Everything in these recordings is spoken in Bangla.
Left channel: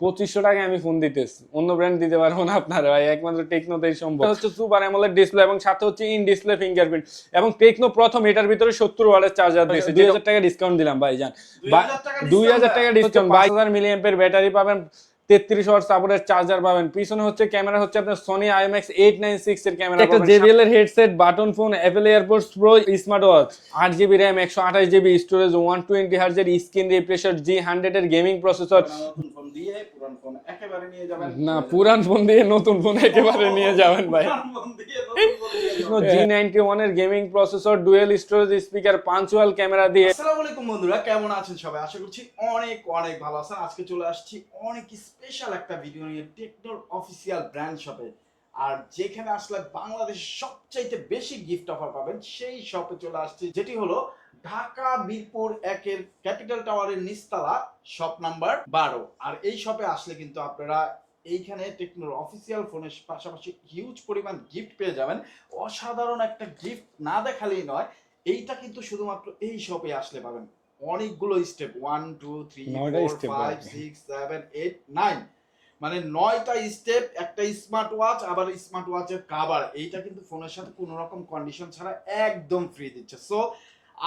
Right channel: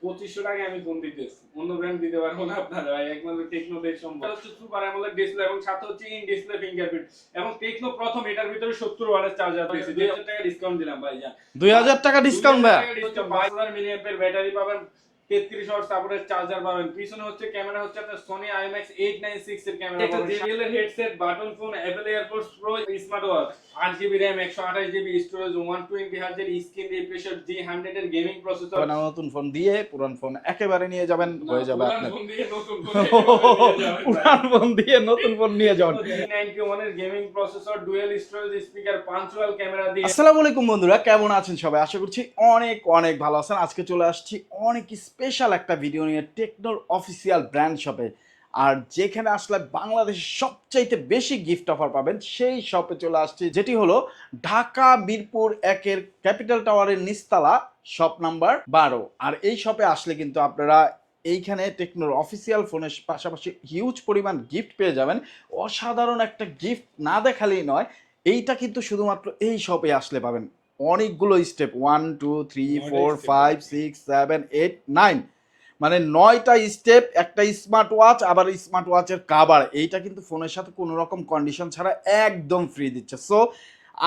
পঁচিশশো টাকায় আমি ফোন দিতেছি অন্য ব্র্যান্ড দিতে পারব না আপনার ভাই একমাত্র টেকনোতেই সম্ভব। হচ্ছে সুপার অ্যামোলেড ডিসপ্লে এবং সাথে হচ্ছে ইন ডিসপ্লে ফিঙ্গারপ্রিন্ট এবং টেকনো প্রথম এটার ভিতরে সত্তর ওয়াটের চার্জার দিয়েছে। দুই হাজার টাকা ডিসকাউন্ট দিলাম ভাই জান দুই হাজার টাকা দুই ডিসকাউন্ট হাজার টাকা ডিসকাউন্ট বাইশ হাজার মিলি ব্যাটারি পাবেন। তেত্রিশ ওয়াট সাপোর্টের চার্জার পাবেন। পিছনে হচ্ছে ক্যামেরা হচ্ছে আপনার Sony IMX eight nine six এর ক্যামেরা একটা জেবিএল এর headset button phone Apple airports pro smart watch আট জিবি র্যাম একশো আঠাশ জিবি স্টোরেজ ওয়ান টোয়েন্টি হার্জের স্ক্রিন রিফ্রেশার জি হান্ড্রেড এর গেমিং প্রসেসর নতুন ফোন দিয়ে পুরান ফোন একেবারে নিয়ে যাবেন। না পুরান ফোন দিয়ে নতুন ফোন একেবারে নিয়ে যাবেন পুরান ফোন দিয়ে নতুন ফোন নিয়ে যাবেন। জি নাইনটি ওয়ানের gaming processor dual storage speaker punctual camera দিয়ে। আসসালামু আলাইকুম বন্ধুরা কেমন আছেন সবাই? আশা করছি অনেক অনেক ভালো আছেন। আজকে চলে আসছি অনেক স্পেশাল একটা ভিডিও নিয়ে টেকনোর অফিসিয়াল ব্র্যান্ড শপে আর যেখানে আসলে বাংলাদেশের সবচাইতে বেশি গিফট অফার পাবেন, সেই শপে চলে আসছে, যেটি হলো ঢাকা বীরপুর একের ক্যাপিটাল টাওয়ারের নিস্তালা শপ নাম্বার বারো। আর এই শপে আসলে কিন্তু আপনারা এইখানে টেকনোর অফিসিয়াল ফোনের পাশাপাশি হিউজ পরিমাণ গিফট পেয়ে যাবেন। অসাধারণ একটা গিফট না দেখালেই নয়, এইটা কিন্তু শুধুমাত্র এই শপে আসলে পাবেন। অনেকগুলো step one two three four five six seven eight nine মানে নয়টা স্টেপ একটা স্মার্ট ওয়াচ আবার স্মার্ট ওয়াচের কাভার এইটা কিন্তু ফোনের সাথে কোনো রকম কন্ডিশন ছাড়া একদম ফ্রি দিচ্ছে। সো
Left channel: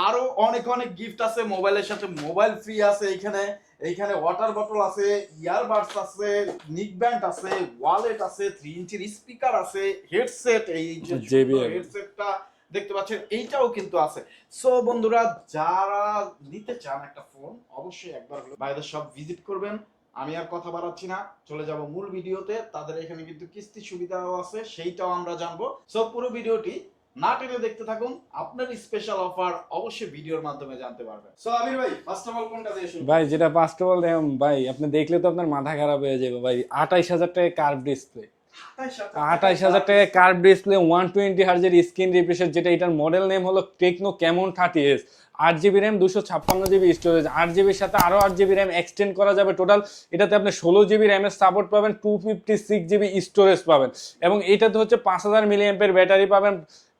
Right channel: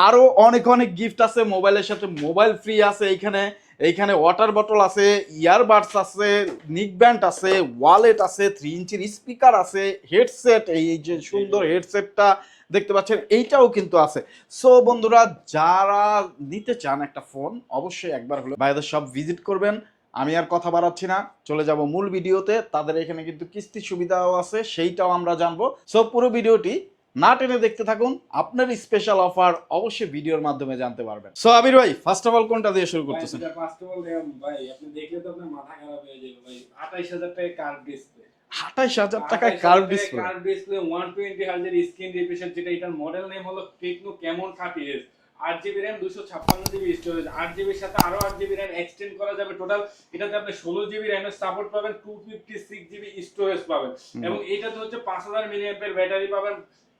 আরও অনেক অনেক গিফট আছে মোবাইলের সাথে। মোবাইল ফ্রি আছে এইখানে। এইখানে ওয়াটার বটল আছে ইয়ারবাডস আছে নিক ব্যান্ড আছে ওয়ালেট আছে থ্রি ইঞ্চির স্পিকার আছে হেডসেট এই যে সুন্দর হেডসেটটা দেখতে পাচ্ছেন এইটাও কিন্তু আছে। সো বন্ধুরা যারা নিতে চান একটা ফোন অবশ্যই একবার হলো ভাইদের সব ভিজিট করবেন। আমি আর কথা বাড়াচ্ছি না চলে যাব মূল ভিডিওতে। তাদের এখানে কিন্তু কিস্তি সুবিধাও আছে সেইটাও আমরা জানব। সো পুরো ভিডিওটি না টেনে দেখতে থাকুন আপনার স্পেশাল অফার অবশ্যই ভিডিওর মাধ্যমে জানতে পারবেন। সো আবির ভাই ফার্স্ট অফ অল কোনটা দিয়ে শুরু ভাই যেটা ফার্স্ট অফ অল ভাই আপনি দেখলে তো আপনার মাথা খারাপ হয়ে যাবে ভাই। আঠাইশ হাজার টাকা কার্ভ ডিসপ্লে আঠাইশ হাজার আঠাইশ হাজার টাকা কার্ভ ডিসপ্লে ওয়ান টোয়েন্টি হার্জের স্ক্রিন রিফ্রেশার যেটা এটার মডেল নেম হলো টেকনো ক্যামন থার্টি এস আট জিবি র্যাম দুশো ছাপ্পান্ন জিবি স্টোরেজ আট জিবির সাথে আরও আট জিবি র্যাম এক্সটেন্ড করা যাবে টোটাল এটাতে আপনি ষোলো জিবি র্যামের সাপোর্ট পাবেন two fifty six GB storage পাবেন এবং এটাতে হচ্ছে পাঁচ হাজার মিলি ব্যাটারি পাবেন।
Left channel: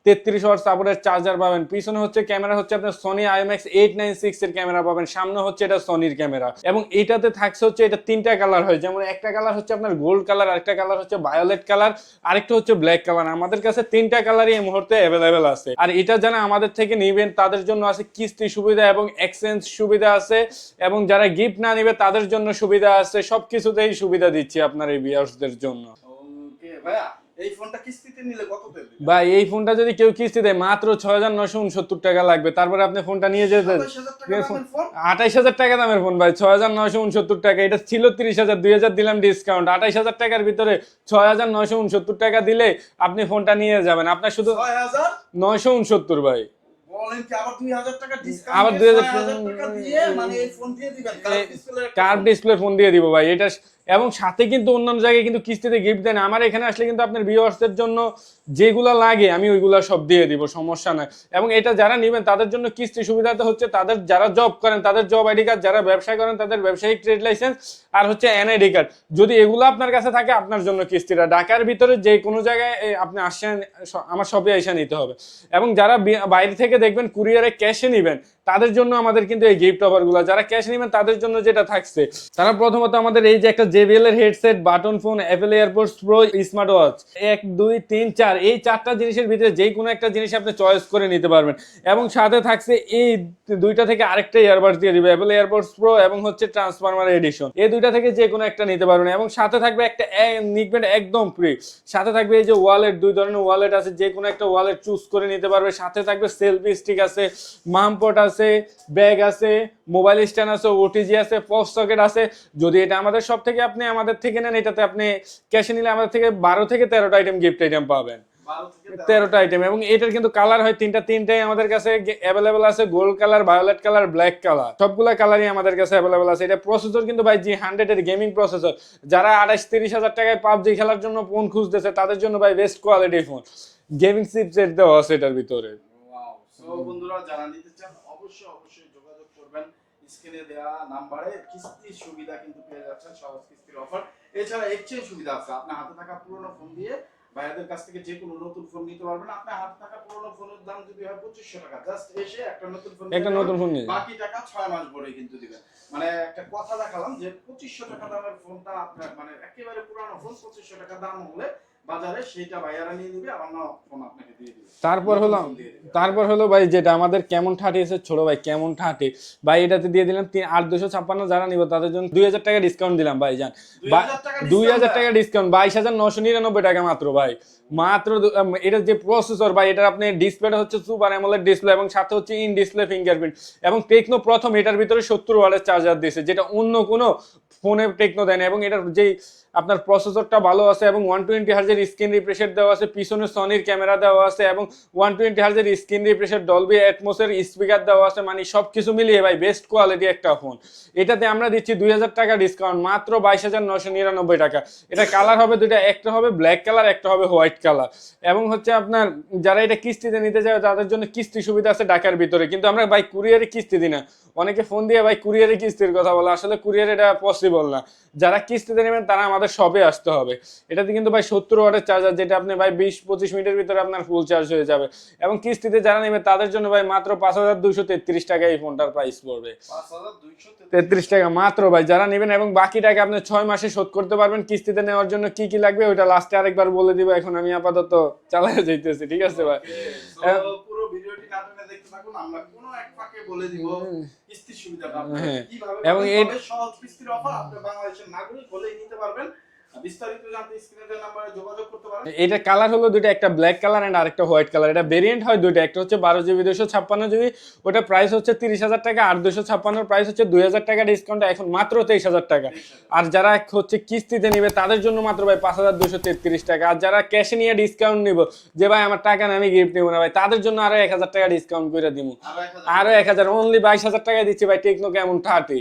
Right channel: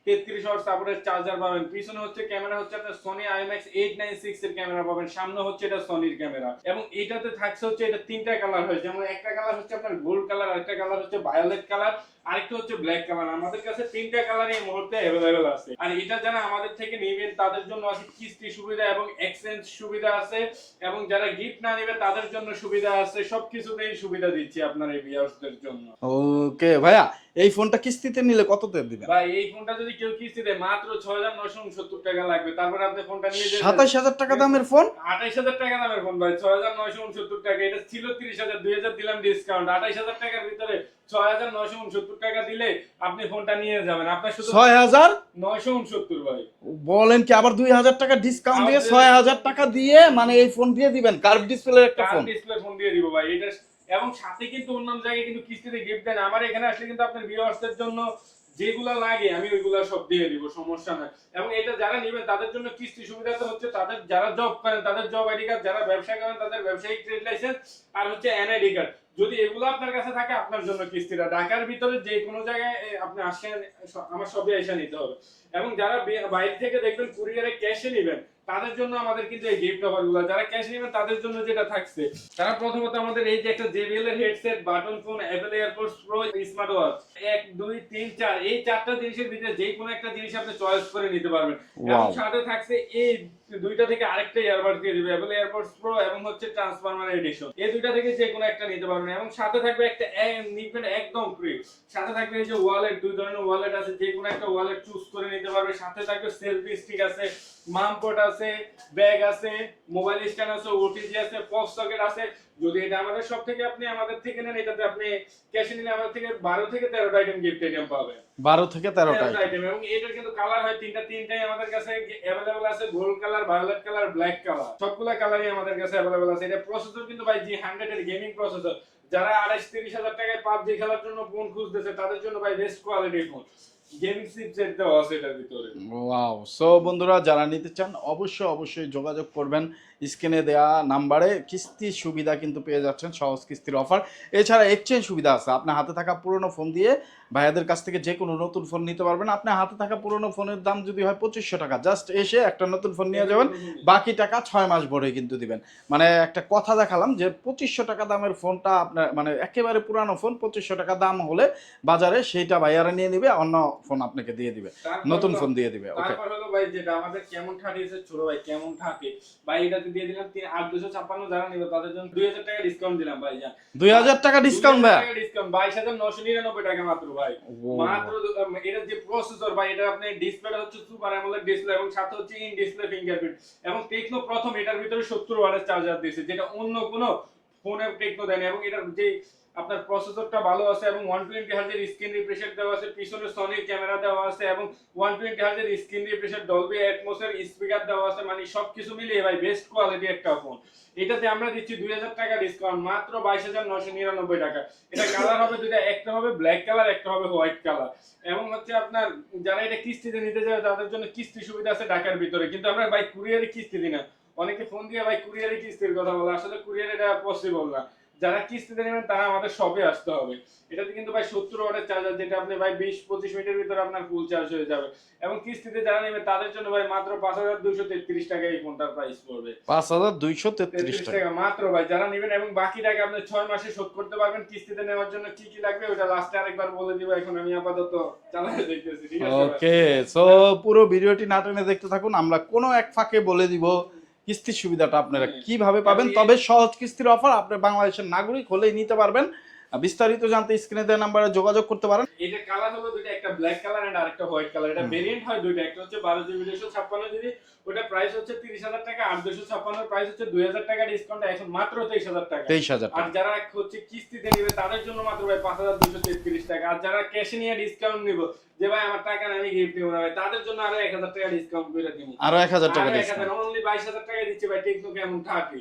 তেত্রিশ ওয়াট সাপোর্টের চার্জার পাবেন। পিছনে হচ্ছে ক্যামেরা হচ্ছে আপনার Sony IMX eight nine six এর ক্যামেরা পাবেন, সামনে হচ্ছে এটা সোনির ক্যামেরা। এবং এটাতে থাকছে হচ্ছে এটা তিনটা কালার হয়, যেমন একটা কালার হচ্ছে আপনার গোল্ড কালার আরেকটা কালার হচ্ছে ভায়োলেট কালার আরেকটা হচ্ছে ব্ল্যাক কালার আমাদের কাছে তিনটা কালারই এই মুহূর্তে অ্যাভেলেবেল আছে। আর এটা যারা আমাদের থেকে নিবেন, তাদের জন্য আছে কিস্তি সুবিধা এবং এক্সচেঞ্জ সুবিধা আছে। এবং যারা গিফট না নিবে, তাদের জন্য সুবিধা আছে। সবকিছুতেই সুবিধা দিচ্ছি আপনার এই ভিউয়ার্সদের জন্য। ওকে ভাইয়া এই ফোনটা কিস্তিতে নিলে কততে দিবেন? ভাই এই ফোনটা যদি কেউ কিস্তি দেয় মাত্র ছয় হাজার নশো উনসত্তর টাকা লাগবে। তারপরে আপনি ফোনটা নিয়ে সাতাশ হাজার টাকা দামের ফোন? আঠাইশ হাজার টাকা দামের ফোন ভাই ছয় হাজার নয়শো উনসত্তর টাকা। এটা ছিল তিরিশ হাজার দুই হাজার দিলাম ডিসকাউন্ট আঠাইশ হাজার টাকার ভিতরে ছয় হাজার নয়শো উনসত্তর টাকা দিলে আপনি ফোনটা নিয়ে যাবেন। আপনার শুধু ছয় হাজার নয়শো উনসত্তর ভাই। বলেন কি আবার দুই হাজার টাকা ডিসকাউন্ট দিয়ে 2000 ছয় হাজার টাকা দিয়ে মানে এই ফোন দিয়ে দিবেন? কার্ভ ডিসপ্লে কার ডিসপ্লে ফোন দিয়ে দিব ভাই। এটা এবং সাথে কিন্তু অন্যান্য জায়গায় কিন্তু কিস্তিতে গিফট দেন আমার এখানে আসলে কিন্তু আপনার ভিউয়ার্সদের জন্য যেগুলো লাগে, আমি ওইগুলা সব দিয়ে দিব, সমস্যা নাই। এবং এটা যারা নেবেন, তাদের জন্য কিস্তি সুবিধা তো হচ্ছে তাদের যারা জব করেন, তাদের জব আইডি কার্ড যারা ব্যবসা করেন, তাদের ব্যবসায়িক ট্রেড লাইসেন্স আর হচ্ছে এনআইডি কার্ড যদি এগুলো আপনার কাছে থাকে, আপনার জন্য কিস্তিটা। ঢাকার ভিতরে যে কোনো জায়গায় আপনি আসেন আমার সবই এসে নিতে হবে। এবং যারা বাইরে থেকে দেখবেন কুরিয়ারে ক্যাশে নেবেন তাদের জন্য আমাদের কিন্তু এই গিফট অফারগুলো যারা ক্যাশ নেবেন তাদের জন্য যেটা থাকছে। তারা প্রথমত আমাদের এই যে একটা জেবিএল এর headset button phone Apple airports pro smart watch এক দুই তিন চার এই চারটা জিনিসের ভিতরে যে কোনো একটা জিনিস আপনি চয়েস করে নিতে পারবেন। এবং সাথে থাকছে এই দুইটা থেকে আরেকটা ইয়ারবাডস দিয়ে দিবে অ্যাপেল এয়ারপোর্টস প্রো এবং হচ্ছে ট্রান্সফরমার এডিশন এই দুইটা থেকে যে কোনো একটা নিতে পারবেন এবং সাথে থাকবে একটা নিকবেন একদম ফ্রি সাথে থাকবে এই যে ওয়ালেট দুই ধরনের ওয়ালেট আছে যে কোনো একটা ওয়ালেট চুজ করে নিতে পারবে। সাথে থাকবে সেলফি স্টিক আছে মামপট আছে ব্যাগ আছে মোবাইল স্ট্যান্ড আছে ওটিজি আছে পস সকেট আছে। যদি এটা আমাদের সব থেকে আপনি আমাদের থেকে নেন এটাতে আপনি ক্যাশে নিলে আমাদের থেকে বারো থেকে তেরোটা আইটেম গিফট আইটেম পাবেন। বারো থেকে তেরোটা আইটেম এবং এটার কিন্তু কালার হয় তিনটা তিনটাই আমাদের কাছে অ্যাভেলেবেল আছে gold colour violet colour black colour সবগুলা কালারই আমাদের কাছে অ্যাভেলেবেল আছে। এটা প্রসেসর কিন্তু ভাই জি হান্ড্রেড এর গেমিং প্রসেসর যারা আঠাশ তিরিশ হাজার টাকায় পাবজি খেলার জন্য ফোন খুঁজতেছে তাদের জন্য ভাই best quality phone gaming chipset দেওয়া আছে এটার ভিতরে। ওয়াও সো বন্ধুরা যারা নিতে চান অবশ্যই অবশ্যই যোগাযোগ করবেন। স্ক্রিনে দেয়া নাম্বারে কিস্তির সুবিধা কিন্তু পেয়ে যাচ্ছেন সহজ কিস্তির অফার। এছাড়া এক্সচেঞ্জ সুবিধা আছে। আপনার হাতে থাকা পুরনো ফোন দিয়ে ভাইয়াদের কাছ থেকে যে কোনো নতুন ফোন নিতে পারবেন। আপনার হাতে থাকা পুরনো ফোনের দাম যদি হয় পঁচিশশো টাকা। জাস্ট এসে একটা নতুন ফোন নিয়ে যাবেন বাকি টাকা ছয় মাস ভরে কিন্তু দিবেন। মানে একটা কথা দেখালাম যে পঁচিশশো টাকা দামের ফোনটা আপনার মানে একেবারে পুরানো ফোন পঁচিশশো টাকা দাম হলে বাজারে সেইটা ভাইয়ারা নিয়ে নিবে অন্য ফোন আপনাকে দিয়ে দিবে। তারপর নতুন হলো ফোন দিয়ে দিবে তারপর হলো ভাই যেটা আমাদের কেমন থার্টি এসে ছোট ভাই কেমন থার্টি ভাই এটাতে দিয়ে দিলাম তিন আট দুশো ছাপ্পান্ন যারা নিব তাদের জন্য দুই হাজার টাকা ডিসকাউন্ট দিলাম ভাই জান দুই হাজার টাকা ডিসকাউন্ট টাকা ডিসকাউন্ট বাইশ হাজার নশো নিরানব্বই টাকা মাত্র ভাই। মাত্র এটা যে প্রসেসর ভাই এটার আপনি ডিসপ্লেটা হচ্ছে সুপার অ্যামোলেড ডিসপ্লে এবং সাথে হচ্ছে ইন ডিসপ্লে ফিঙ্গারপ্রিন্ট এবং টেকনো প্রথম এটার ভিতরে সত্তর ওয়াটের চার্জার দিয়েছে যেটা অন্য কোনো ফোনে টেকনো দেয় না, এবং এটার যেই আপনার প্রসেসরটা ভালো আছে এবং ওয়ান টোয়েন্টি হার্জের স্ক্রিন রিফ্রেশের দেওয়া আছে, পিছনে সনির ক্যামেরা দেওয়া আছে, এবং ওয়ান টোয়েন্টি হার্জের স্ক্রিন রিফ্রেশের ডলবি অ্যাটমোসের স্পিকার দেওয়া আছে মানে সব কিছু মিলিয়ে ভাই বেস্ট কোয়ালিটি একটা ফোন এটাতে আমরা দিচ্ছি দুই হাজার টাকা ডিসকাউন্ট মাত্র বাইশ হাজার নশো নিরানব্বই টাকা। এটা কালার হবে দুইটা, একটা হবে ব্ল্যাক কালার একটা হবে হোয়াইট কালার এবং হচ্ছে আপনার যারা এটা কিস্তিতে নিতে যাবে তাদের জন্য কিস্তি সুবিধা আছে ঢাকার ভিতরে। কিন্তু আমরা ভাই কুরিয়ারে কিস্তি দিই না। অনেকে ফোন দিয়ে ভাই কুরিয়ারে কিস্তির কথা বলে। আসলে কুরিয়ারে এটা পসিবল না। যারা কিস্তিতে নেবেন তারা আমাদের সবে আসতে হবে। এটাতে কিন্তু ভাই সত্তর ওয়াটের চার্জার যেটা আপনি ভাই বিশ পঁচিশ মিনিটের ভিতরে আপনার ফুল চার্জ হয়ে যাবে। এবং কিস্তিতে যারা নেবে তাদের জন্য ভাই মাত্র পাঁচ হাজার দুইশো তেত্রিশ টাকা এই ফোনটার প্রাইস পড়বে। পাঁচ হাজার দুইশো তেত্রিশ টাকা। মাত্র ভাই যারা নেবেন এবং বাকি টাকা আপনি ছয় মাসে শোধ করতে পারবেন কিস্তিতে নেওয়ার জন্য কি কি লাগবে ওটা লাস্টে আরেকবার বলে দিব। এখন আমি আপাতত চালাতে যাইতেছি ঠিক আছে ভাই? ওকে সো পুরো ভিডিওটি না টেনে দেখতে থাকুন। আমরা কোনো এক ফাঁকে বলে দিব কিস্তির সুবিধাটা আপনারা হ্যাঁ। কীভাবে পাবেন তবে সহজ কিস্তির অফার আপনি বাংলাদেশের নাগরিক হলেই নিতে পারবেন বিস্তারিত জানতে স্ক্রিনে দেওয়া নাম্বারে যোগাযোগ করতে পারেন। এটা কালার হলো দুটো একটা ব্ল্যাক কালার এন্ড আরেকটা হোয়াইট কালার এটা ভেরিয়েন্ট হয় দুটো একটা হচ্ছে বারো জিবি দুশো ছাপ্পান্ন জিবি। ওটা প্রাইস হচ্ছে তিরিশ হাজার টাকা আর দুশো ছাপ্পান্নর প্রাইস হচ্ছে দুই হাজার টাকা ডিসকাউন্ট এখন মাত্র তেইশ হাজার টাকা। তেইশ হাজার আর যারা হচ্ছে কিস্তিতে নিবে তাদের জন্য মাত্র ভাই পাঁচ হাজার দুশো তেত্রিশ টাকা। আর যারা ক্যাশে নিয়ে ডিসকাউন্ট নিব যে ভাই আমার টাকা না আমি গিফট নেব না ভাই তাদের জন্য আরও এক হাজার টাকা ডিসকাউন্ট করে দিব আরও এক হাজার আরও এক হাজার অনলি বাইশ হাজার টাকায় দিচ্ছি ভাই টেকনো কেমন থার্টি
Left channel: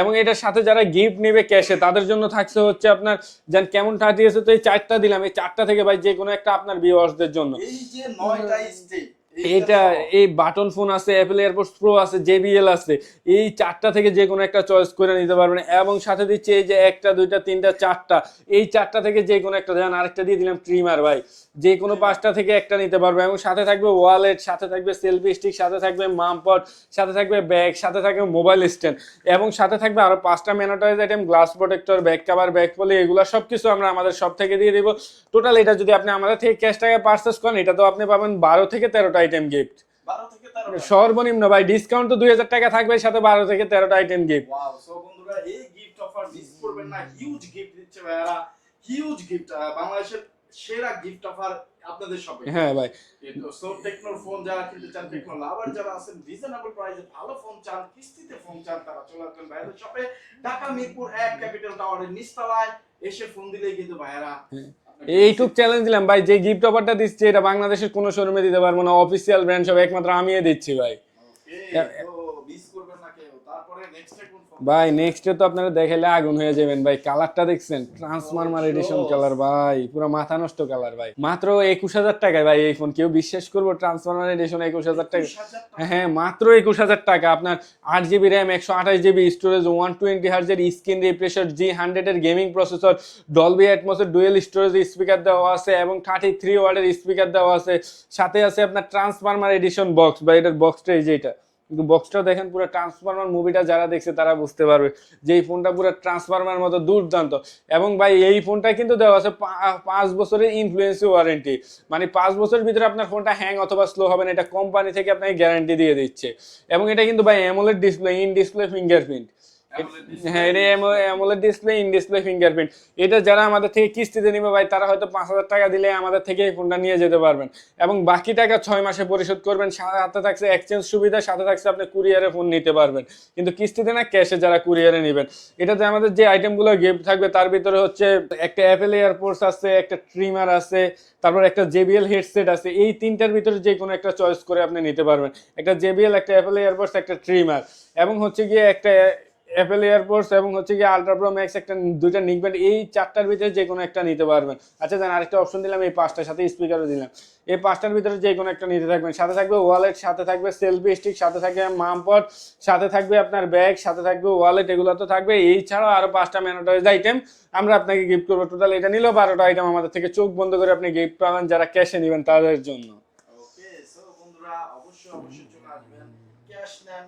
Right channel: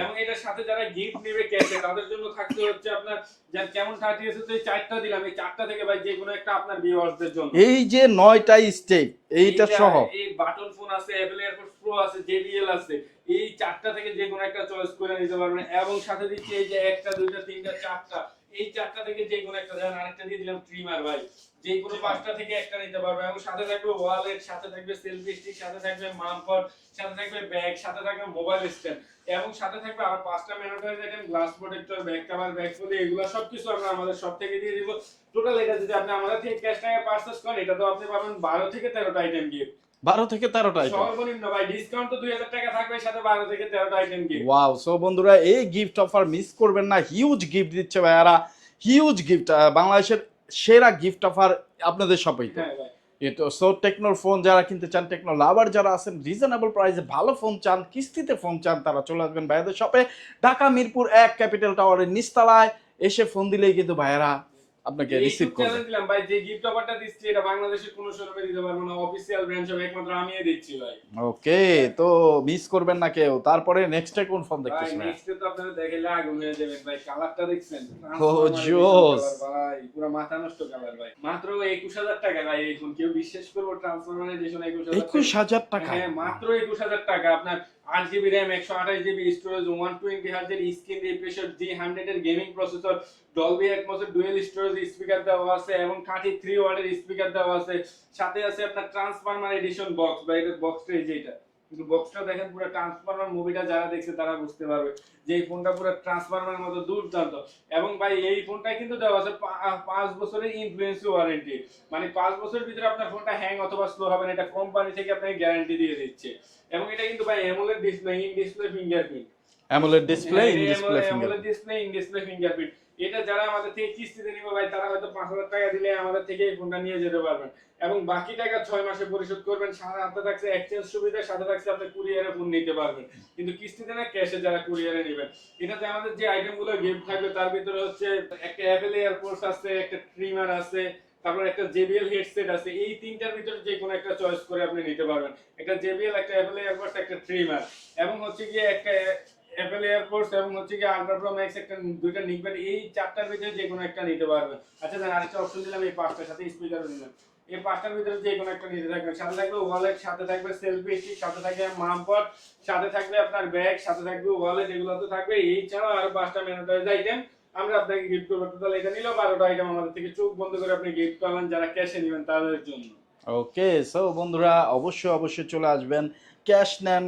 এবং এটার সাথে যারা গিফট নেবে ক্যাশে তাদের জন্য থাকছে হচ্ছে আপনার যেন কেমন থার্টি আছে তো এই চারটা দিলাম। এই চারটা থেকে ভাই যে কোনো একটা আপনার ভিউয়ার্সদের জন্য। এই যে নয়টা স্টেপ এইটা এই বাটন ফোন আছে অ্যাপেল এয়ারপোর্টস প্রো আছে জেবিএল আছে এই চারটা থেকে যে কোনো একটা চয়েস করে নিতে পারবেন। এবং সাথে দিচ্ছে এই যে একটা দুইটা তিনটা চারটা। এই চারটা থেকে যে কোনো একটা দেন আরেকটা দিয়ে দিলাম ট্রিমার ভাই। যে কোনো পাঁচটা থেকে একটা নিতে পারবে। এবং সাথে থাকবে ওয়ালেট সাথে থাকবে সেলফি স্টিক সাথে থাকবে মামপট সাথে থাকবে ব্যাগ সাথে থাকবে মোবাইল স্ট্যান্ড এবং সাথে থাকবে আরও পাঁচটা ম্যানোটাইজ item glass protector back cover back ফলি এগুলো সব কিছু আমরা আমাদের সব থেকে দিয়ে দিব। টোটাল এটা যদি আপনি আমাদের থেকে ক্যাশ টাকা পার্চেস করেন এটা তো আপনি পাবেন বারো থেকে তেরোটা আইটেম গিফট বারো থেকে তেরোটা সর্বনিম্ন ভাই ডিসকাউন্ট তো দুই হাজার টাকা থাকবে সাথে বারো থেকে তেরোটা আইটেম গিফট ওয়াও সো বন্ধুরা এই গিফট অফার মিস করবেন না। হিউজ গিফট দিচ্ছে ভাইয়ারা। হিউজ গিফট বাংলাদেশের সেরা গিফট অফার আপনাদের শপে হ্যাঁ ভাই। তো সো টেকনোর ফোন যারা কিনতে চান টেকনো লাভার যারা আছেন রিজনেবল প্রাইসে ভালো ফোন চান কিস্তিতে ফোন চান তারা চলে আসবেন ভাইয়াদের শপে ঢাকা মিরপুর এক ক্যাপিটাল টাওয়ারের নিচতলায়। এসে ফোন দিলেই কিন্তু ভাইয়ারা আপনাকে এইটুক চ্যালেঞ্জ দিলাম। ভাই যে গিফট অফারটা দিচ্ছি এটা বাংলাদেশের কোনো শোরুমে দিতে পারব না। অফিসিয়াল ব্র্যান্ড সব একমাত্র আমিই দিচ্ছি ভাই। ওকে তো মিস করবেন না কেউ। তারপরে নেক্সটে কোন ফোন ভাই নেক্সট তো আপনারা দেখাইলে আগুন হয়ে যাবেন ভাই। কালারটা দেখছেন? ট্রান্সফরমার এডিশন কালার ভাই। পুরো মাথা নষ্ট কালার ভাই। মাত্র একুশ হাজার টাকায় ভাই এই ফোন কেউ বিশ্বাস করব ট্রান্সফরমার এডিশন একুশ হাজার টাকা। একুশ হাজার টাকা? হ্যাঁ মাত্র একুশ হাজার টাকা। আপনার আট জিবি র্যাম একশো আঠাশ জিবি স্টোরেজ ওয়ান টোয়েন্টি হার্জের স্ক্রিন রিফ্রেশার জি হান্ড্রেড এর গেমিং প্রসেসর ডলবি অ্যাটমসের ডুয়েল স্টোরেজ স্পিকার দেওয়া আছে এবং থার্টি থ্রি ওয়ার্ডের স্পিকার দেওয়া আছে। সাথে আছে আপনার ট্রান্সফরমার এডিশন বক্স বা এটার বক্সটা এই যে এটা। কিন্তু বক্সটা দেখেন পুরো ট্রান্সফরমার মুভিটা যারা দেখছে তারা বুঝতে পারবে যে এই ফোনটা পুরো ট্রান্সফরমার মতো দুর্দান্ত। এবং ভাই, এই ফোনটা কিন্তু দেওয়া আছে পাঁচ বছরের ইনফ্লুয়েন্সি ওয়ারেন্টি মানে পাঁচ বছরের ভিতরে আপনার ফোনটা হ্যাং অথবা স্লো হবে না, এটা কোম্পানি থেকে আপনাকে গ্যারান্টি দিয়ে দিচ্ছে। এবং এটা কিন্তু ভাই AMOLED display in display fingerprint AMOLED display AMOLED display in display fingerprint এটা যারা আমাদের থেকে কিস্তিতে নিবে ভাই তারা হয়তো পাঁচ হাজার টাকা দিলে আমাদের থেকে ফোনটা নিয়ে যেতে পারবেন। এবং বাকি টাকা ছয় মাসে পরিশোধ করবেন সাথে থাকছে এক্সচেঞ্জ সুবিধা সাথে থাকছে আপনি কুরিয়ারে ফোন নিতে পারবেন। কিন্তু কিস্তিতে না ক্যাশে যারা কুরিয়ারে নেবেন। এটাতে আমাদের যে আইটেমগুলো গিফট থাকবে তার ভিতরে হচ্ছে একটা অ্যাপেল এয়ারপোর্টস আছে একটা ট্রিমার আছে তারপর একটা জেবিএল হেডসেট আছে। এই তিনটার ভিতরে যে কোনো একটা চয়েস করে আপনি নিতে পারবেন। একটা জেবিএল একটা অ্যাপেল এয়ারপোর্টস একটা ট্রিমার এবং হচ্ছে গিয়ে একটা অ্যাপেল এয়ারপোর্টস এবং হচ্ছে কি আলট্রা প্রো ম্যাক্স একটা দুইটা নিকবেন এই চারটার ভিতরে যে কোনো একটা নিতে পারবেন। আচ্ছা জান আরেকটা অপশন দিলাম, এই পাঁচটার সাথে স্পিকারও দিলাম। এই পাঁচটার ভিতরে যে কোনো একটা নিতে থাকবেন। সাথে থাকবে ওয়ালেট সাথে থাকবে সেলফি স্টিক সাথে থাকবে মামপট সাথে থাকবে আপনার ব্যাগ সাথে থাকবে ওয়ালেট এগুলো তো থাকবে। এই ছাড়াও আরও পাঁচটা ম্যানোটাইজ আইটেম আমরা আপনাকে গিফট করব। টোটাল এটা নিলেও বারোটা আইটেম আমাদের থেকে চোখ বন্ধ করে আপনি গিফট পাবেন, যারা ক্যাশে নেবেন তাদের জন্য। ওকে সো বন্ধুরা, অবশ্যই অবশ্যই চলে আসবেন। ক্যাশ নেন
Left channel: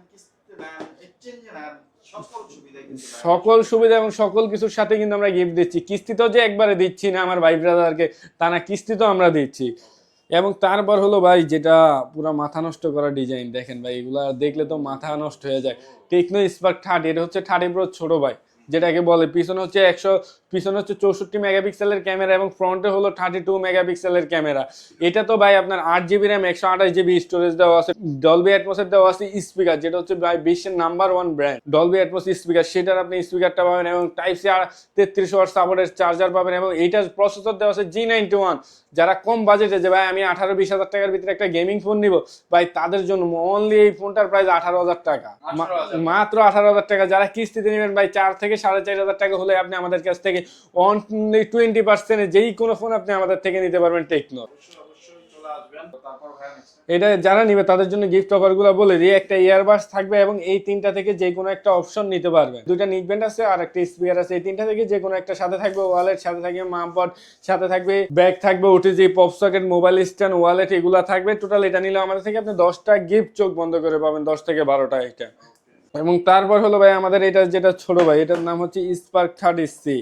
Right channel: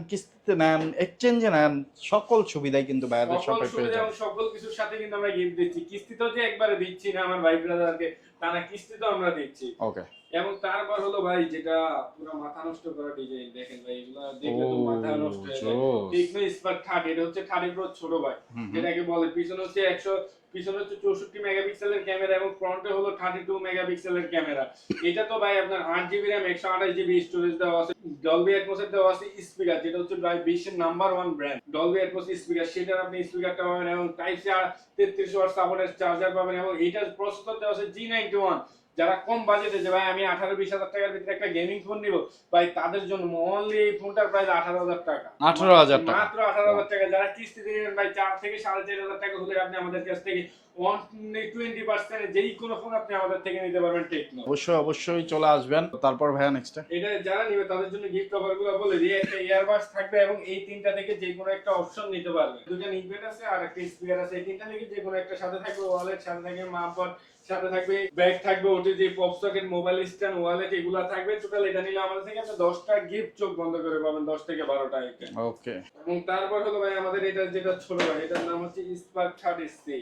কিস্তিতে নেন এক্সচেঞ্জে নেন সকল সুবিধাই কিন্তু সকল সুবিধা এবং সকল কিছুর সাথে কিন্তু আমরা গিফট দিচ্ছি। কিস্তিতেও যে একবারে দিচ্ছি না আমার ভাই ব্রাদারকে তা না কিস্তি তো আমরা দিচ্ছি। ওকে এবং তারপর হলো ভাই যেটা পুরো মাথা নষ্ট করা ডিজাইন দেখেন ভাই এগুলা দেখলে তো মাথা নষ্ট হয়ে যায়। টেকনো স্পার্ক থার্টি এটা হচ্ছে থার্টি প্রো ছোট ভাই যেটাকে বলে পিছনে হচ্ছে একশো পিছনে হচ্ছে চৌষট্টি মেগাপিক্সেলের ক্যামেরা এবং ফ্রন্টে হলো থার্টি টু মেগাপিক্সেলের ক্যামেরা এটা তো ভাই আপনার আট জিবি র্যাম একশো আঠাশ জিবি স্টোরেজ দেওয়া আছে। ডলবি অ্যাটমসের দেওয়া আছে স্পিকার যেটা হচ্ছে ভাই বিশ্বের number one brand Dolby Atmos speaker সেটার আপনি স্পিকারটা পাবেন এবং টাইপ সি তেত্রিশ ওয়াট সাপোর্টের চার্জার পাবেন এবং এইটার প্রসেসর দেওয়া আছে জি নাইনটি ওয়ান যারা কম বাজেটে যে ভাই আমি আঠারো বিশ হাজার টাকার ভিতরে একটা গেমিং ফোন নিব। ভাই তাদের জন্য অনলি এই ফোনটার প্রাইস আঠারো হাজার টাকা। 18,000 টাকা। মাত্র আঠারো হাজার টাকা। যারা কিস্তিতে নেবেন ভাই চার থেকে সাড়ে চার হাজার টাকা হলে আপনি আমাদের কাছ থেকে অনলি টোয়েন্টি পার্সেন্ট যেই কোনো ফোন আপনি আমাদের থেকে নিতে পারবেন টেকনো অবশ্যই অবশ্যই চলে আসবেন। তারপর ভাইয়া নেক্সট এটা যারা নিবে তাদের জন্য গিফট অফারগুলো বলে দিই। একটা ইয়ারবাস থাকবে এবং এই তিনটা থেকে যে কোনো একটা অপশন নিতে পারবে দুইটা নিকবেন্ড আছে আর একটা স্পিকার আছে। এই তিনটা থেকে যে কোনো একটা সাথে থাকবে ওয়ালেট সাথে থাকবে মামপট সাথে থাকবে ব্যাগ থাকবে OTG pop socket mobile stand wallet এগুলা থাকবে টোটাল এটা নিলে আমাদের থেকে আপনি দশটা গিফট চোখ বন্ধ করে পাবেন দশ থেকে বারোটা আইটেম ওকে এবং তারপর হলো ভাই আমাদের এটা যেটা ছোট ভাই এটার নাম হচ্ছে Spark thirty C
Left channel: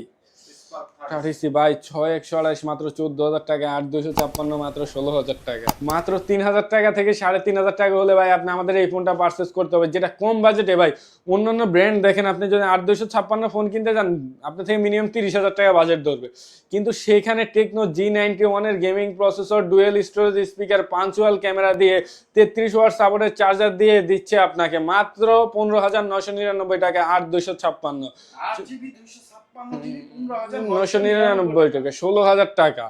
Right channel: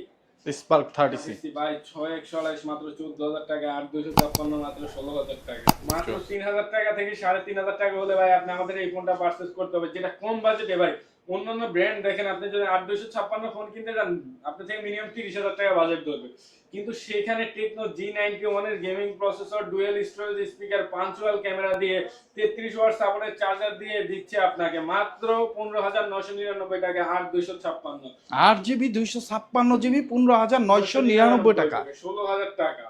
Spark thirty ভাই ছয় একশো আড়াইশ মাত্র চোদ্দ হাজার টাকা আট দুশো ছাপ্পান্ন মাত্র ষোলো হাজার টাকা। মাত্র তিন হাজার টাকা থেকে সাড়ে তিন হাজার টাকা হলে ভাই আপনি আমাদের এই ফোনটা পারচেস করতে হবে যেটা কম বাজেটে ভাই। অন্যান্য ব্র্যান্ড দেখেন আপনি যদি আট দুশো ছাপ্পান্ন ফোন কিনতে যান আপনার থেকে মিনিমাম তিরিশ হাজার টাকা বাজেট ধরবে। কিন্তু সেখানে টেকনো জি নাইনটি ওয়ানের gaming processor dual storage speaker punctual camera দিয়ে তেত্রিশ ওয়াট সাপোর্টের চার্জার দিয়ে দিচ্ছে আপনাকে মাত্র পনেরো হাজার নশো নিরানব্বই টাকা আট দুশো ছাপ্পান্ন। আট জিবি দুইশো ছাপ্পান্ন জিবি পনেরো হাজার নয়শো নয়শো নিরানব্বই টাকা। ষোলো হাজার টাকা।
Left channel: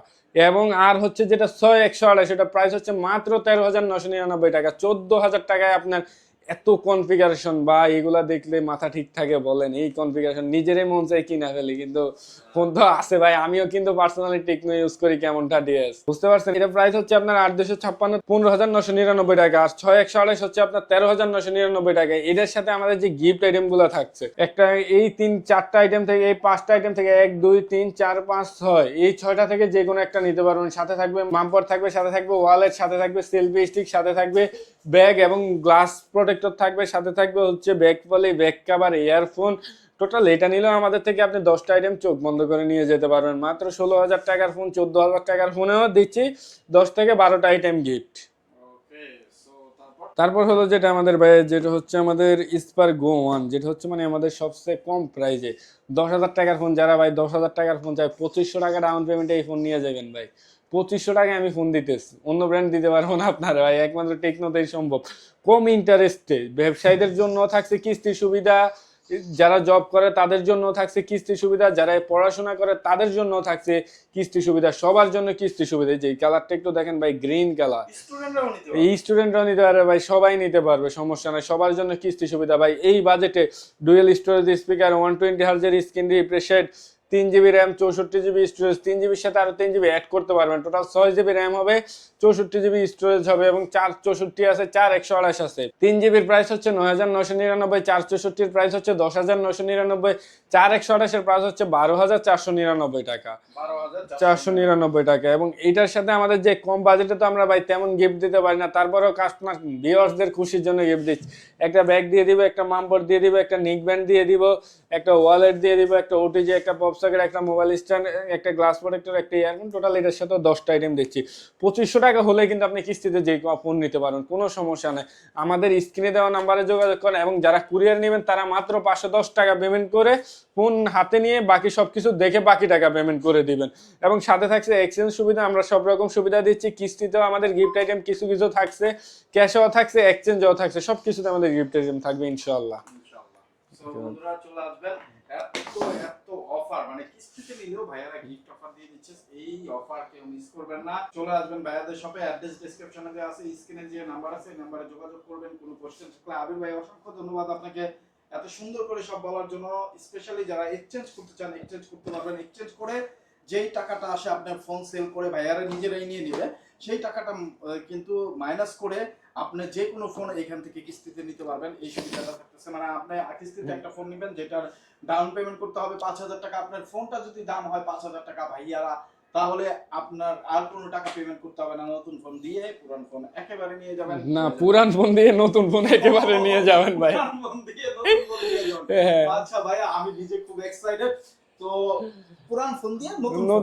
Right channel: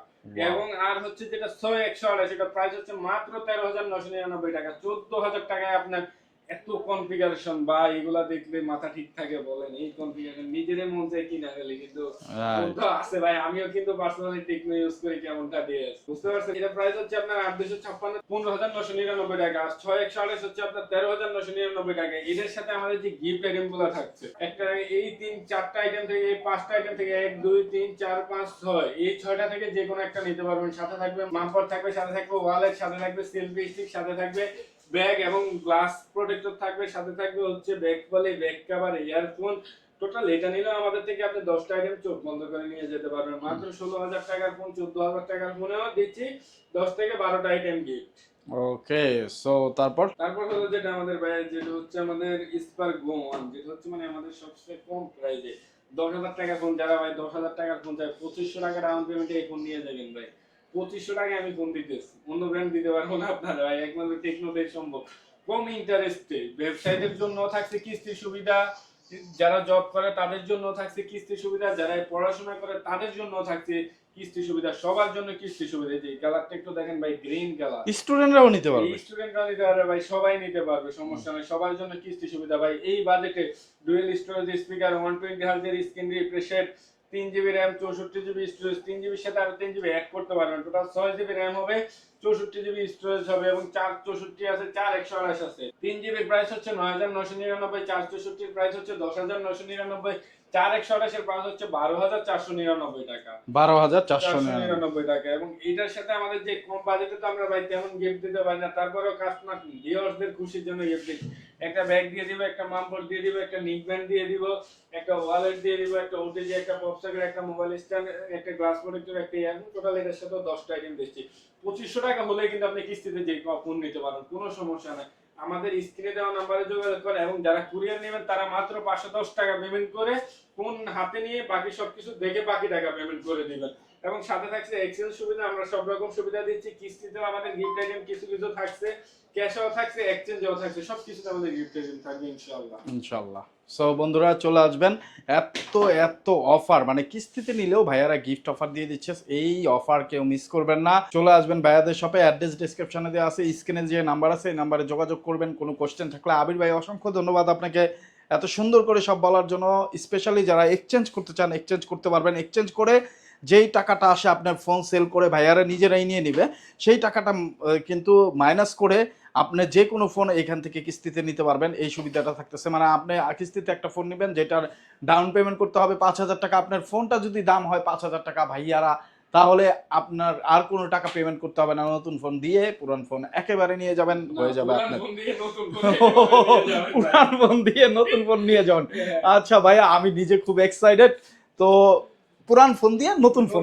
এবং আর হচ্ছে যেটা ছয় একশো আড়াই সেটা প্রাইস হচ্ছে মাত্র তেরো হাজার নশো নিরানব্বই টাকা। চোদ্দ হাজার টাকায় আপনার এত কনফিগারেশন বা এগুলা দেখলে মাথা ঠিক থাকে বলেন। এই কনফিগারেশন নিজেরই মন চাই কিনা ফেলি কিন্তু। ফোন তো আছে ভাই আমিও কিন্তু পার্সোনালি টেকনো ইউজ করি কেমনটা ডিএস বুঝতে পারছেন? এটা প্রাইস হচ্ছে আপনার আট দুশো ছাপ্পান্ন পনেরো হাজার নশো নিরানব্বই টাকা। আর ছয় একশো আড়াইশ হচ্ছে আপনার তেরো হাজার নশো নিরানব্বই টাকা। এদের সাথে আমাদের যে গিফট আইটেমগুলো থাকছে একটা এই তিন চারটা আইটেম থেকে এই পাঁচটা আইটেম থেকে এক দুই তিন চার পাঁচ ছয় এই ছয়টা থেকে যে কোনো একটা নিতে পারবেন। সাথে থাকবে মাম্পার থাকবে সাথে থাকবে ওয়ালেট সাথে থাকবে সেলফি স্টিক সাথে থাকবে ব্যাগ এবং গ্লাস প্রোটেক্টর থাকবে সাথে থাকবে হচ্ছে bag poly bag cover earphone. Total এটা নিলেও আমাদের থেকে আপনি দশটা আইটেম চোখ বন্ধ করে নিয়ে যেতে পারবেন। মাত্র ষোলো হাজার টাকার ফোন চোদ্দ হাজার টাকার ফোনেও দিচ্ছি। দশ থেকে বারোটা আইটেম গিফট ওকে সো তারপর? তারপর হলো যেটা আমাদের ভাই যেটা হচ্ছে আমাদের স্পার গো ওয়ান যেটা হচ্ছে মানে আমাদের সবচেয়ে কম প্রাইজে দশ হাজার টাকার ফোন যারা ভাই দশ হাজার টাকার ফোন চাই পঁচিশশো টাকা ডাউন পেমেন্টে এই ফোন নিয়ে যাবেন ভাই। পঁচিশশো টাকায় আমি ফোন দিতেছি। অন্য ব্র্যান্ড দিতে পারব না আপনারা ভাই একমাত্র টেকনোতেই সম্ভব। কম ইন্টারেস্টে ব্যবসায়ীদের জন্য থাকছে কিস্তির সুবিধা যারা জব করে তাদের জন্য থাকছে কিস্তি সুবিধা যারা পড়াশোনা করে তাদের জন্য থাকছে কিস্তি সুবিধা সবার জন্য কিস্তি সুবিধা। যে কালারটা একটু দেখেন ভাই গ্রিন কালার স্টুডেন্টরাও নিতে পারবে। এই স্টুডেন্টরাও নিতে পারবে ভাই সবাই নিতে পারবে সমস্যা নাই সবার জন্য কিস্তি সুবিধা। ভাই এই বাজেটে dual storage speaker one twenty হার্জের screen refreshed তিন জিবি র্যাম চৌষট্টি জিবি স্টোরেজ তিন জিবির সাথে আরও তিন জিবি অ্যাড করতে পারবেন। টোটাল ছয় জিবি র্যাম হবে, চৌষট্টি জিবি স্টোরেজ হবে এবং চার চৌষট্টি আছে, চার একশো আড়াইশ আছে। তিন জিবির প্রাইস হচ্ছে নয় হাজার নশো নিরানব্বই, চার চৌষট্টির প্রাইস হচ্ছে দশ হাজার নশো নিরানব্বই চার একশো আড়াইশের প্রাইস হচ্ছে বারো হাজার চারশো নিরানব্বই টাকা। বারো হাজার চারশো নিরানব্বই। টাকা। এবং এটার সাথে আমাদের যে কম বাজেটে তো আমরা ভাই তেমন গিফট দিতে পারি না তারপরেও কাস্টমার ভিউয়ার্সদের খুশির জন্য গিফট দিচ্ছি। একটা ব্যাগ দিয়ে দিব একটা মাম্পর দিয়ে দিব একটা নিক ব্যান্ড দিয়ে দিব একটা ওয়ালেট দিয়ে দিব একটা ওটিজি একটা পপসকেট একটা মোবাইল স্ট্যান্ড একটা গ্লাস প্রোটেক্টর একটা ইয়ারফোন টোটাল এটার সাথে দশটা আইটেম দিচ্ছি। পঁচিশশো টাকা হলে কিন্তু আপনি কিস্তিতে যে ফোন নিতে পারেন কোনো সমস্যা নেই। আমাদের স্ক্রিনে দেওয়া নাম্বারে যোগাযোগ করেন এবং যারা কুরিয়ার নেবেন তারা মাত্র পাঁচশো দশ টাকা পেমেন্ট করে ফোন হাতে নিয়ে বাকি সব কিছু দেখে বাকি টাকা পেমেন্ট করে দিবেন। এবং সাথে থাকছে এক্সচেঞ্জ সুবিধা, আমরা সব রকম সুবিধা দিচ্ছি। কিস্তিতেও আমাদের গিফট আইটেম কিছু কিছু থাকছে ক্যাশেও থাকছে এক্সচেঞ্জও থাকছে সব কিছুতে আমাদের গিফট আইটেম থাকবে ইনশাল্লাহ ইনশাল্লাহ সো বন্ধুরা, চলে আসবেন। এত এত অফার মানে কিস্তিতে নিলেও ভাইয়ারা গিফট অফার দিয়ে দিচ্ছে। এই অফার কেউ মিস করবেন না। চলে আসবেন ভাইয়াদের শপে অ্যাড্রেস ডিসক্রিপশনে দেওয়া আছে। স্ক্রিনে যে নাম্বার আছে, এই নাম্বারে যোগাযোগ করবেন। কোনো কোশ্চেন থাকলে আবির ভাই, অসংখ্য ধন্যবাদ আপনাকে। এত সুন্দর করে সব বলার জন্য স্পেশালি যারা এক্সচেঞ্জ করতে চান এক্সচেঞ্জ করতে পারবেন। এক্সচেঞ্জ করে যেই টাকাটা আসে আপনার ফোন সেল করে ভাইয়ারা নিজেরাই নিয়ে নেবে সেই টাকাটা কিন্তু মাইনাস করে আপনি যে কোনো ফোন এখান থেকে কিস্তিতে নিতে পারবেন। এই সুবিধাটা থাকতেছে। মানে আপনি কিস্তিতে একটা ফোন নেবেন যেটার ডাউন পেমেন্ট করতে হবে পাঁচ হাজার টাকা। আপনার ফোনটা যদি দাম হয় পাঁচ হাজার টাকা ভাইয়ারা তাহলে আপনার আর কোনো টাকা পেমেন্ট করতে হবে না। নতুন ফোন দিয়ে পুরান ফোন একেবারে নিয়ে যাবেন। না পুরান ফোন দিয়ে নতুন ফোন একেবারে নিয়ে যাবেন ভাই। পুরান ফোন দিয়ে নতুন ফোন নিয়ে যাবেন। হ্যাঁ। আচ্ছা ভাইয়া আমি নিজে খুব এক্সাইটেড তো পুরান ফোন দিয়ে নতুন ফোন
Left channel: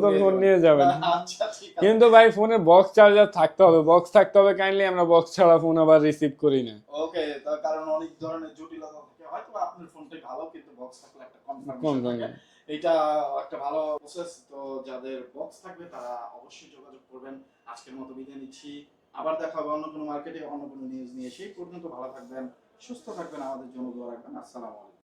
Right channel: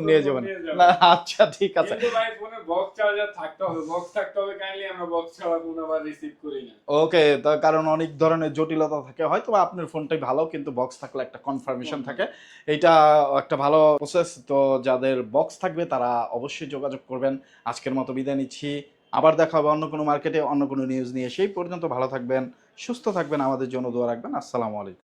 যাবেন। আচ্ছা ঠিক আছে। কিন্তু ভাই ফোনের বক্স চার্জার থাকতে হবে। বক্স থাকতে হবে কাইন্ডলি আমরা বক্স ছাড়া ফোন আবার রিসিভ করি না। ওকে তার কারণ অনেক ধরনের জটিলতা থাকে। হয়তো আপনার ফোনটাই ভালো কিন্তু বক্স থাকলে একটা কনফার্মেশন থাকে। এটা একটা ভালো প্রসেস তো যাদের বক্স থাকবে তারা অবশ্যই যোগাযোগ করবেন। আজকের মতো বিদায় নিচ্ছি। আবার দেখা হবে অন্য কোনো মার্কেটে অন্য কোনো নিউজ নিয়ে। সেই পর্যন্ত ভালো থাকবেন সুস্থ থাকবেন আমাদের জন্য দোয়া রাখবেন। আসসালামু আলাইকুম।